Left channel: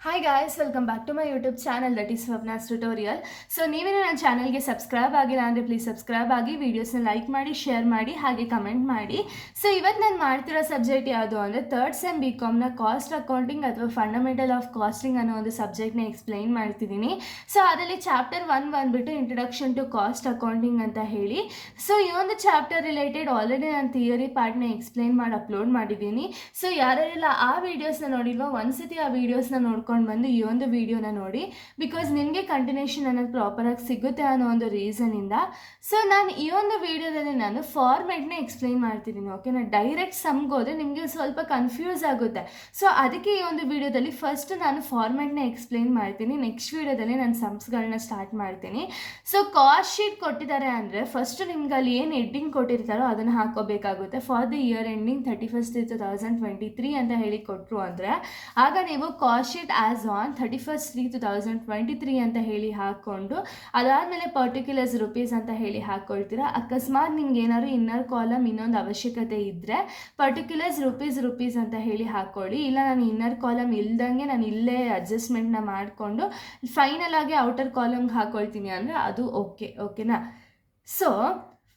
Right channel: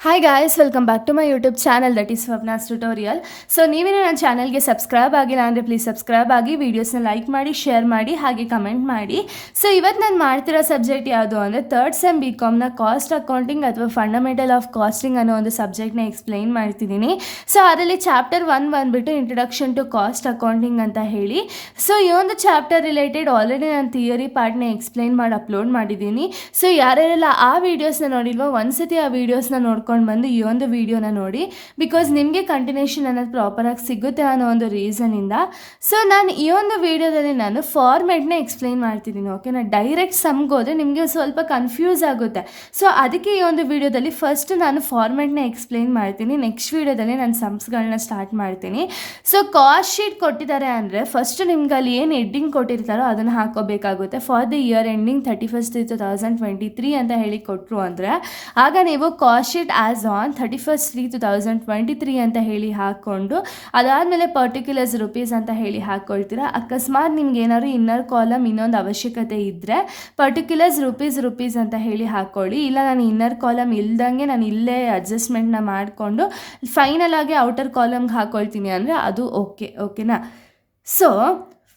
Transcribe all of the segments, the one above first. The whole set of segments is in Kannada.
Hi guys, welcome back to my YouTube channel that is Swapna's tutorial. So ನೀವೇನೇ ನನ್ನ ಚಾನಲ್ಗೆ ಸಬ್ಸ್ಕ್ರೈಬ್ ಆಗಿಲ್ಲ ಅಂದರೆ ಪ್ಲೀಸ್ ಸಬ್ಸ್ಕ್ರೈಬ್ ಆಗಿ, ವೀಡಿಯೋಸ್ನ ಲೈಕ್ ಮಾಡಿ, ಶೇರ್ ಮಾಡಿ, ಹಾಗೆ ಕಮೆಂಟ್ ಮಾಡಿ. ಸೊ ಇವತ್ತು ನಾನು ಮಾಡ್ತಿರೋ ಸಬ್ಜೆಕ್ಟ್ ಯಾವುದು ಅಂದರೆ ಥರ್ಡ್ ಸೆಮ್ BComನ ಕಾಸ್ಟ್ ಅಕೌಂಟಿಂಗ್ ಅಥವಾ ಫಂಡಮೆಂಟಲ್ ಆಫ್ ಕಾಸ್ಟಿಂಗ್ ಅನ್ನೋ ಒಂದು ಸಬ್ಜೆಕ್ಟ್ನ ಎಕ್ಸ್ಪ್ಲೈನ್ ಮಾಡ್ತಿದ್ದೀನಿ. ಸೊ ಅದರಲ್ಲಿ ಚಾಪ್ಟರ್ 1 ಬಂದುಬಿಟ್ಟು ಇಂಟ್ರಡಕ್ಷನ್ ಟು ಕಾಸ್ಟ್ ಅಕೌಂಟಿಂಗ್ ಅಂತ ಹೇಳಿ. ಸೊ ಈ ಒಂದು ಚಾಪ್ಟರ್ ರಿಲೇಟೆಡ್ ಆಲ್ರೆಡಿ ನಾನು ಥಿಯರಿ ಪಾರ್ಟ್ನ ಎಕ್ಸ್ಪ್ಲೈನ್ ಮಾಡಿ ಅಪ್ಲೋಡ್ ಮಾಡಿದ್ದೀನಿ. ಸೊ ಯಾರ್ಯಾರೆಲ್ಲ ಆ ವೀಡಿಯೋಸ್ನ ನೋಡಿಲ್ವೋ ಒಂದ್ಸತಿ ಆ ವೀಡಿಯೋಸ್ನ ನೋಡ್ಕೊಂಡು ಬಂದು ಈ ಒಂದು ವಿಡಿಯೋನ ನೋಡಿ, ಬಿಕಾಸ್ ನಿಮಗೆ ಕಂಟಿನ್ಯೂಷನ್ ಅನ್ನೋದು ಪ್ರಾಪರಾಗಿ ಸಿಗುತ್ತೆ ಅನ್ನೋ ಒಂದು ರೀಸನಿಂದ. ಸೊ ನಾನು ಈ ಒಂದು ವಿಡಿಯೋದಲ್ಲಿ ನಾನು ಫಾರ್ಮೆಟ್ನ ಎಕ್ಸ್ಪ್ಲೈನ್ ಮಾಡ್ತಿದ್ದೀನಿ. ಓಕೆನಾ, ಡೈರೆಕ್ಟ್ ಸಮ್ಗೆ ಹೋದರೆ ನಿಮಗೆ ಸ್ವಲ್ಪ ಕನ್ಫ್ಯೂಸ್ ಆಗುತ್ತೆ. ಸೊ ಅದಕ್ಕೆ ಈ ಒಂದು ವಿಡಿಯೋದಲ್ಲಿ ಫಸ್ಟ್ ನಾನು ಫಾರ್ಮೆಟ್ನ ಎಕ್ಸ್ಪ್ಲೈನ್ ಮಾಡ್ತೀನಿ, ನೆಕ್ಸ್ಟ್ ವಿಡಿಯೋದಲ್ಲಿ ನಾನು ಸಮ್ಸ್ಗಳನ್ನ ಸ್ಟಾರ್ಟ್ ಮಾಡ್ತೀನಿ. ಸೊ ಕಾಸ್ಟ್ ಶೀಟ್ ಕೊಟ್ಟಿದ್ದಾರೆ ಅಂದರೆ ಫಸ್ಟ್ ನಿಮ್ಗೆ ಅಲ್ಲಿ ಏನು ಹೆಡ್ಡಿಂಗ್ ಕೊಟ್ಟಿರ್ತಾರೋ ಅದನ್ನು ಹಾಕೋಬೇಕಾಗುತ್ತೆ. ಫಾರ್ ದ ಇಯರ್ ಎಂಡಿಂಗ್ 31/3/2023 ಅಂತ ಹೇಳಿ ಕೊಟ್ಟರು ಅಂದರೆ ಆಗ ನೀವು ಕಾಸ್ಟ್ ಶೀಟ್ ಆ್ಯಸ್ ಆನ್ 31/3/2023 ಅಂತ ಹೇಳಿ ಹಾಕ್ಕೊಂಡು ಅದಾದಮೇಲೆ ಪರ್ಟಿಕ್ಯುಲರ್ಸ್ ರುಪೀಸ್ ಅಂತ ಹೇಳಿ ಹಾಕ್ಕೊಳ್ತೀರಾ. ಅಕಸ್ಮಾತ್ ನಿಮ್ಗೆ ಏನಾದ್ರು ಇನ್ನರ್ ಕಾಲಮ್ ಇನ್ನೊಂದು ಅವಶ್ಯಕತೆ ಇದ್ದರೆ ಪರ್ಟಿಕ್ಯುಲರ್ಸ್ ರುಪೀಸ್ ಅಂತ ಹೇಳಿ ಹಾಕ್ಕೊಳ್ಳಿ. ಇಲ್ಲ ನಾನು ಇನ್ನರ್ ಕಾಲಮ್ ಇಲ್ದಂಗೆ ನಾನು ಇಲ್ಲೇ ಅಡ್ಜಸ್ಟ್ಮೆಂಟ್ನ ಮಾಡಿಕೊಂಡು ಫೈನಲ್ ಆಗಿ ಔಟರ್ ಕಾಲಮ್ಗೆ ಹಾಕ್ಕೊಳ್ತೀನಿ ಅಂದರೆ ಅದು ಓಕೆನಾ. So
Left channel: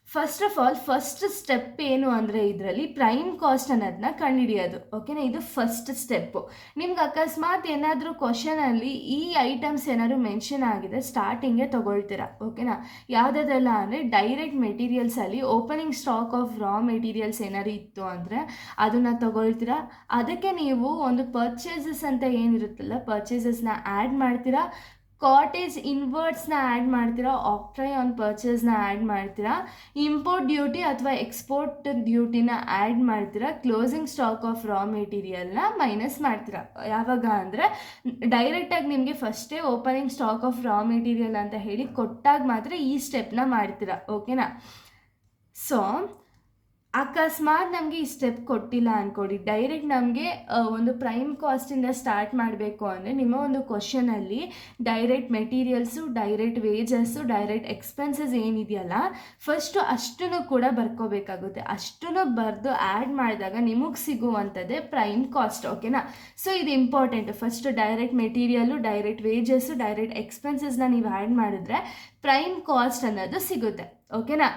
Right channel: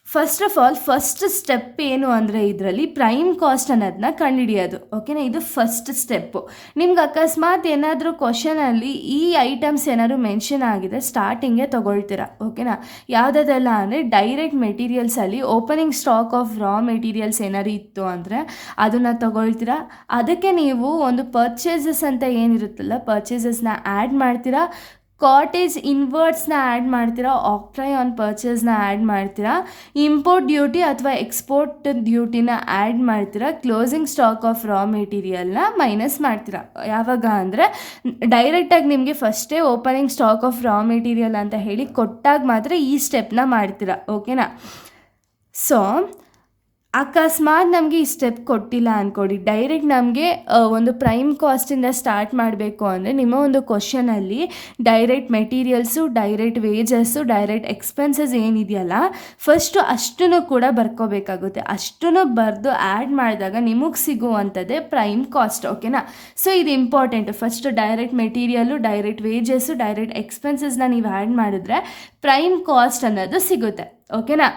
first of all first step ಏನು ಅಂದರೆ ಇದರಲ್ಲಿ ಪ್ರೈಮ್ ಕಾಸ್ಟ್ ಅನ್ನೋದನ್ನ ಕಂಡುಹಿಡಿಯೋದು. ಓಕೆನಾ, ಇದು ಫಸ್ಟ್ ಸ್ಟೆಪ್ಪು. ನಿಮ್ಗೆ ಅಕಸ್ಮಾತ್ ಏನಾದರೂ ಕ್ವಶನಲ್ಲಿ ಈ ಐಟಮ್ಸ್ ಏನಾದರೂ ಮೆನ್ಷನ್ ಆಗಿದೆ ಸ್ಟಾರ್ಟಿಂಗೇ ತೊಗೊಳ್ತೀರಾ. ಓಕೆನಾ, ಯಾವುದೆಲ್ಲ ಅಂದರೆ ಡೈರೆಕ್ಟ್ ಮೆಟೀರಿಯಲ್ಸಲ್ಲಿ opening stock of raw materials ಏನಾದ್ರು ಇತ್ತು ಅಂದರೆ ಅದನ್ನು ತೊಗೊಳ್ತೀರಾ. ಅದಕ್ಕೆ ನೀವು ಒಂದು ಪರ್ಚೇಸಸ್ ಅಂತ ಏನಿರುತ್ತಲ್ಲ ಪರ್ಚೇಸಸ್ನ ಆ್ಯಡ್ ಮಾಡ್ತೀರಾ, ಕಾಟೇಜ್ ಇನ್ವರ್ಟ್ಸ್ನ ಆ್ಯಡ್ ಮಾಡ್ತೀರಾ, ಆಕ್ಟ್ರೈ ಆನ್ ಪರ್ಚೇಸ್ನ ಆ್ಯಡ್ ಮಾಡ್ತೀರಾ, ಇಂಪೋರ್ಟ್ ಡ್ಯೂಟಿ ಅಥವಾ ಎಕ್ಸ್ಪೋರ್ಟ್ ಡ್ಯೂಟಿನ ಆ್ಯಡ್ ಮಾಡ್ತೀರಾ, ಕ್ಲೋಸಿಂಗ್ ಸ್ಟಾಕ್ ಆಫ್ ರಾ ಮೆಟೀರಿಯಲ್ನ ಮೈನಸ್ ಮಾಡ್ತೀರಾ. ಯಾವಾಗ ಅಂದರೆ ಡೈರೆಕ್ಟಾಗಿ ನಿಮಗೆ ಫಸ್ಟೇ opening stock of raw material ಅಂತ ಹೇಳಿ ಕೊಟ್ಟಾಗ ಮಾತ್ರ ಈ ಸ್ಟೆಪ್ನ ಮಾಡ್ತೀರಾ. ಓಕೆನಾ, ಸೊ ಅಕಸ್ಮಾತ್ ನಮಗೆ ಈ ಸ್ಟೆಪ್ ಕೊಟ್ಟಿಲ್ಲ ಅಂದ್ಕೊಡಿ, ಡೈರೆಕ್ಟ್ ನಮಗೆ ಒಂದು ಪ್ರೈಮ್ ಕಾಸ್ಟಿಂದ ಸ್ಟಾರ್ಟ್ ಮಾಡಬೇಕು ಅಂದರೆ ನಿಮ್ಮ ಒಂದು ಕ್ವಶನಲ್ಲಿ direct materials, direct wages, direct expenses ಏನಿದೆಯಲ್ಲ ಫಸ್ಟು ಅಷ್ಟನ್ನು ಕೂಡ ಬರ್ಕೋಬೇಕಾಗುತ್ತೆ. ಅಷ್ಟನ್ನು ಬರೆದು ಆ್ಯಡ್ ಮಾಡಿದಾಗ ನಿಮಗೆ ಸಿಗುವಂಥದ್ದೇ ಪ್ರೈಮ್ ಕಾಸ್ಟ್. ಓಕೆನಾ, ಸೊ ಇದು important. First direct material, direct wages, direct ಎಕ್ಸ್ಪೆನ್ಸಸ್ನ ನೀವು ಆ್ಯಡ್ ಮಾಡಿದ್ರೆ ಪ್ರೈಮ್ ಕಾಸ್ಟ್ ಅನ್ನೋದು ಸಿಗುತ್ತೆ. ಓಕೆನಾ,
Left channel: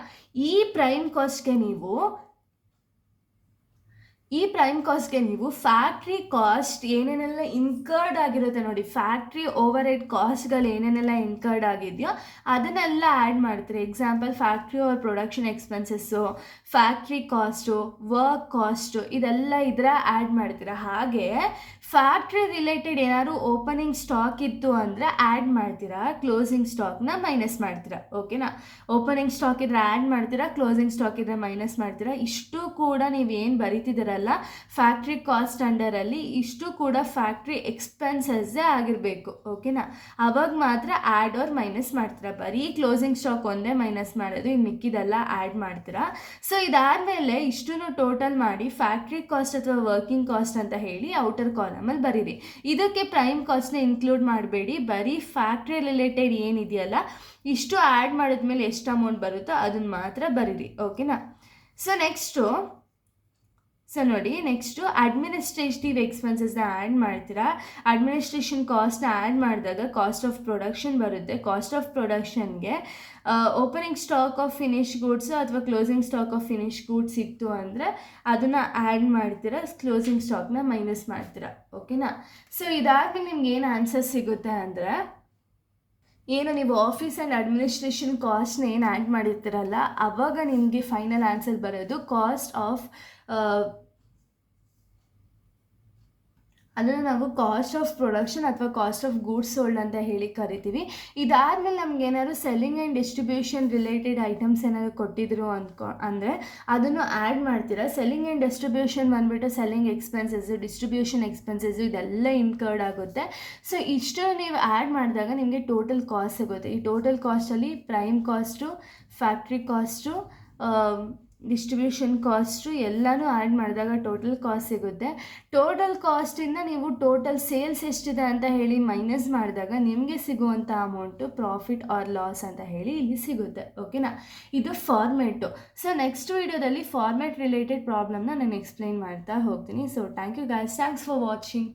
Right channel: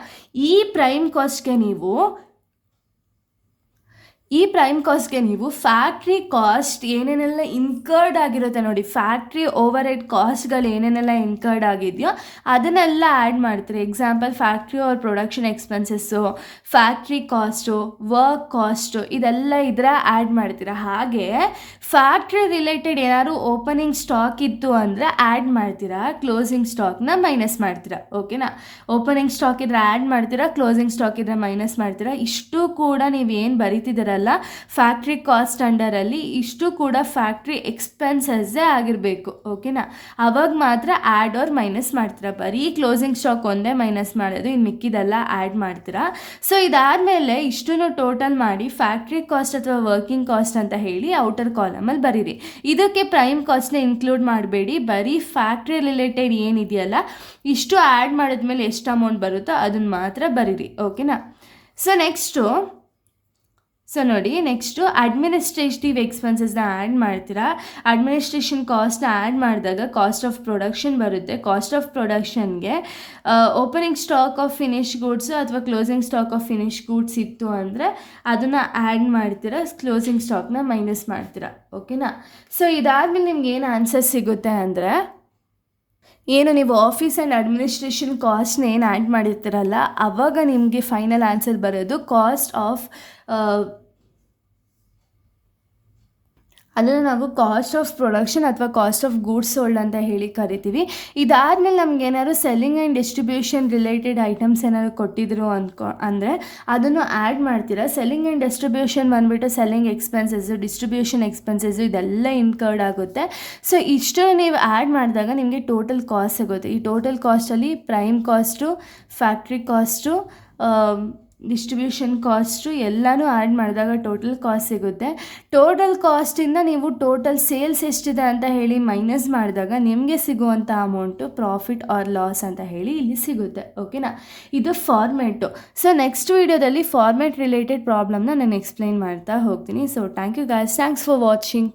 ಈ ಪ್ರೈಮ್ ಕಾಸ್ಟ್ಗೆ ನೀವು ಫ್ಯಾಕ್ಟ್ರಿ ಕಾಸ್ಟ್ ಏನೇನೆಲ್ಲ ಇನ್ಕರ್ಡ್ ಆಗಿರುತ್ತೆ ನೋಡಿ, ಫ್ಯಾಕ್ಟ್ರಿ ಓವರ್ ಹೆಡ್ ಕಾಸ್ಟ್ಗಳು ಏನೇನೆಲ್ಲ ಇನ್ಕರ್ಡ್ ಆಗಿದೆಯೋ ಅದನ್ನೆಲ್ಲ ಆ್ಯಡ್ ಮಾಡ್ತೀರಿ. ಎಕ್ಸಾಂಪಲ್ ಫ್ಯಾಕ್ಟ್ರಿ ಅವ್ರ production expenses, factory cost, work cost ಇದೆಲ್ಲ ಇದ್ರೆ ಆ್ಯಡ್ ಮಾಡ್ತೀರಾ. ಹಾಗೆ ಫ್ಯಾಕ್ಟ್ರಿ ರಿಲೇಟೆಡ್ ಏನಾದ್ರು ಓಪನಿಂಗ್ ಸ್ಟಾಕ್ ಇತ್ತು ಅಂದರೆ ಆ್ಯಡ್ ಮಾಡ್ತೀರಾ, ಕ್ಲೋಸಿಂಗ್ ಸ್ಟಾಕ್ನ ಮೈನಸ್ ಮಾಡ್ತೀರಾ. ಓಕೆನಾ, ಓಪನಿಂಗ್ ಸ್ಟಾಕ್ ಇದ್ರೆ ಆ್ಯಡ್ ಮಾಡ್ತೀರಾ, ಕ್ಲೋಸಿಂಗ್ ಸ್ಟಾಕ್ ಇದ್ರೆ ಮೈನಸ್ ಮಾಡ್ತೀರಾ. ಇಷ್ಟು ಕೂಡ ನೀವೇನು ಬರೀತಿದ್ದೀರಲ್ಲ ಫ್ಯಾಕ್ಟ್ರಿ ಕಾಸ್ಟ್ ಅಂಡರಲ್ಲಿ ಇಷ್ಟು ಕೂಡ ಫ್ಯಾಕ್ಟ್ರಿ ಎಕ್ಸ್ಪೆನ್ಸಸ್ಸೇ ಆಗಿರಬೇಕು. ಓಕೆನಾ, ಅವಾಗ ಮಾತ್ರ ಆ್ಯಡ್ ಆರ್ ಮೈನಸ್ ಮಾಡ್ತೀರಾ. ಬರೀ ಕ್ಲೋಸಿಂಗ್ ಸ್ಟಾಕ್ ಒಂದೇ ಮೈನಸ್ ಮಾಡೋದು, ಇನ್ನು ಮಿಕ್ಕಿದೆಲ್ಲ ಆ್ಯಡ್ ಮಾಡ್ತೀರಾ. ಸೊ ಇದಾದಮೇಲೆ ಇಷ್ಟನ್ನು ಟೋಟಲ್ ಮಾಡಿ ಫ್ಯಾಕ್ಟ್ರಿ ಕಾಸ್ಟ್ ಅಥವಾ ವರ್ಕಿಂಗ್ ಕಾಸ್ಟ್ ಅಂತ ಹೇಳಿ ಔಟರ್ ಕಾಲಮಲ್ಲಿ ಬರೀರಿ. ಇದಕ್ಕೆ ಪ್ರೈಮ್ ಕಾಸ್ಟ್ನ ಇನ್ಕ್ಲೂಡ್ ಮಾಡಬೇಡಿ, ಬರೀ ಫ್ಯಾಕ್ಟ್ರಿ ರಿಲೇಟೆಡ್ ಏನಿದೆಯಲ್ಲ ಇಷ್ಟು ಆ್ಯಡ್ ಮಾಡಿದ್ಮೇಲೆ ಎಷ್ಟು ಅಮೌಂಟ್ ಬರುತ್ತೋ ಅದನ್ನು ಮಾತ್ರ ಬರೀರಿ. ಓಕೆನಾ, ಸೊ ನೋಡಿ ನೆಕ್ಸ್ಟು ಅಡ್ಮಿನಿಸ್ಟ್ರೇಟಿವ್ ಎಕ್ಸ್ಪೆನ್ಸಸ್ನ ಆ್ಯಡ್ ಮಾಡ್ತೀರಾ. ಅಡ್ಮಿನಿಸ್ಟ್ರೇಷನ್ ಕಾಸ್ಟ್ನ ಆ್ಯಡ್ ಮಾಡಿದಾಗ ಕಾಸ್ಟ್ ಆಫ್ ಪ್ರೊಡಕ್ಷನ್ ಬರುತ್ತೆ. ಕಾಸ್ಟ್ ಆಫ್ ಪ್ರೊಡಕ್ಷನ್ಗೆ opening stock of finish goods ಅಥವಾ closing stock of finish goods ಇತ್ತು ಅಂದರೆ ಅದನ್ನು ಆ್ಯಡ್ ಮಾಡ್ತೀರಾ, ಕ್ಲೋಸಿಂಗ್ ಸ್ಟಾಕ್ನ ಮೈನಸ್ ಮಾಡ್ತೀರಾ. ಓಕೆನಾ, ಸೊ ಇದಾದಮೇಲೆ ನಿಮ್ಗೆ ಏನು ಆನ್ಸರ್ ಸಿಗುತ್ತೆ ಅಂದರೆ ಏನು ನೀವು ಆಫೀಸ್ ಆ್ಯಂಡ್ ಅಡ್ಮಿನಿಸ್ಟ್ರೇಷನ್ ಕಾಸ್ಟ್ನ ಏನು ಆ್ಯಡ್ ಮಾಡಿರ್ತೀರಲ್ಲ ಆವಾಗ ನಿಮಗೆ ಫೈನಲ್ ಆನ್ಸರ್ ಬರೋದು ಕಾಸ್ಟ್ ಆಫ್ ಅದನ್ನು ನಾವು ಕಾಸ್ಟ್ ಆಫ್ ಪ್ರೊಡಕ್ಷನ್ ಅಥವಾ ಕಾಸ್ಟ್ ಆಫ್ ಗೂಡ್ಸ್ ಸೋಲ್ಡ್ ಅಂತ ಹೇಳಿ ಕರಿತೀವಿ. ಇದಾದಮೇಲೆ ನಮ್ಗೆ ಏನಾದ್ರು selling and distribution related items ಏನಾದ್ರು ಕೊಟ್ಟಿದ್ರು ಅಂದರೆ ಅದನ್ನು ಆ್ಯಡ್ ಮಾಡ್ತೀರಾ. ಸೆಲ್ಲಿಂಗ್ ಆ್ಯಂಡ್ ಡಿಸ್ಟ್ರಿಬ್ಯೂಷನ್ ಬಂದುಬಿಟ್ಟು ಸೆಲ್ಲಿಂಗ್ ಎಕ್ಸ್ಪೆನ್ಸಸ್ಸು, ಡಿಸ್ಟ್ರಿಬ್ಯೂಷನ್ ಎಕ್ಸ್ಪೆನ್ಸಸ್ಸು ಇದೆಲ್ಲ ಇನ್ಕರ್ಡ್ ಆಗುತ್ತೆ. ಸೊ ಇಷ್ಟು ನೀವು ಆ್ಯಡ್ ಮಾಡಿದಾಗ ನಿಮಗೆ ಟೋಟಲ್ ಕಾಸ್ಟ್ ಸಿಗುತ್ತೆ. ಈ ಟೋಟಲ್ ಕಾಸ್ಟಲ್ಲಿ prime cost, factory cost, distribution cost ಎಲ್ಲನೂ ಆ್ಯಡ್ ಮಾಡಿದಾಗ ಟೋಟಲ್ ಕಾಸ್ಟ್ ಸಿಗುತ್ತೆ. ಟೋಟಲ್ ಕಾಸ್ಟಿಂದ ನೀವು ಟೋಟಲ್ ಸೇಲ್ಸ್ ಎಷ್ಟಿದೆ ಅಂತ ಹೇಳಿ ಮೈನಸ್ ಮಾಡಿದಾಗ ನಿಮಗೆ ಸಿಗುವಂಥ ಅಮೌಂಟು ಪ್ರಾಫಿಟ್ ಆರ್ ಲಾಸ್ ಅಂತ ಹೇಳಿ ಇಲ್ಲಿ ಸಿಗುತ್ತೆ. ಓಕೆನಾ, ಇದು ಫಾರ್ಮೆಟು. ಸೊ ನೆಕ್ಸ್ಟ್ ವಿಡಿಯೋದಲ್ಲಿ ಫಾರ್ಮೆಟ್ ರಿಲೇಟೆಡ್ ಪ್ರಾಬ್ಲಮ್ನ ನಾನು ಎಕ್ಸ್ಪ್ಲೈನ್ ಮಾಡ್ತಾ ಹೋಗ್ತೀನಿ. So thank you guys, thanks for watching.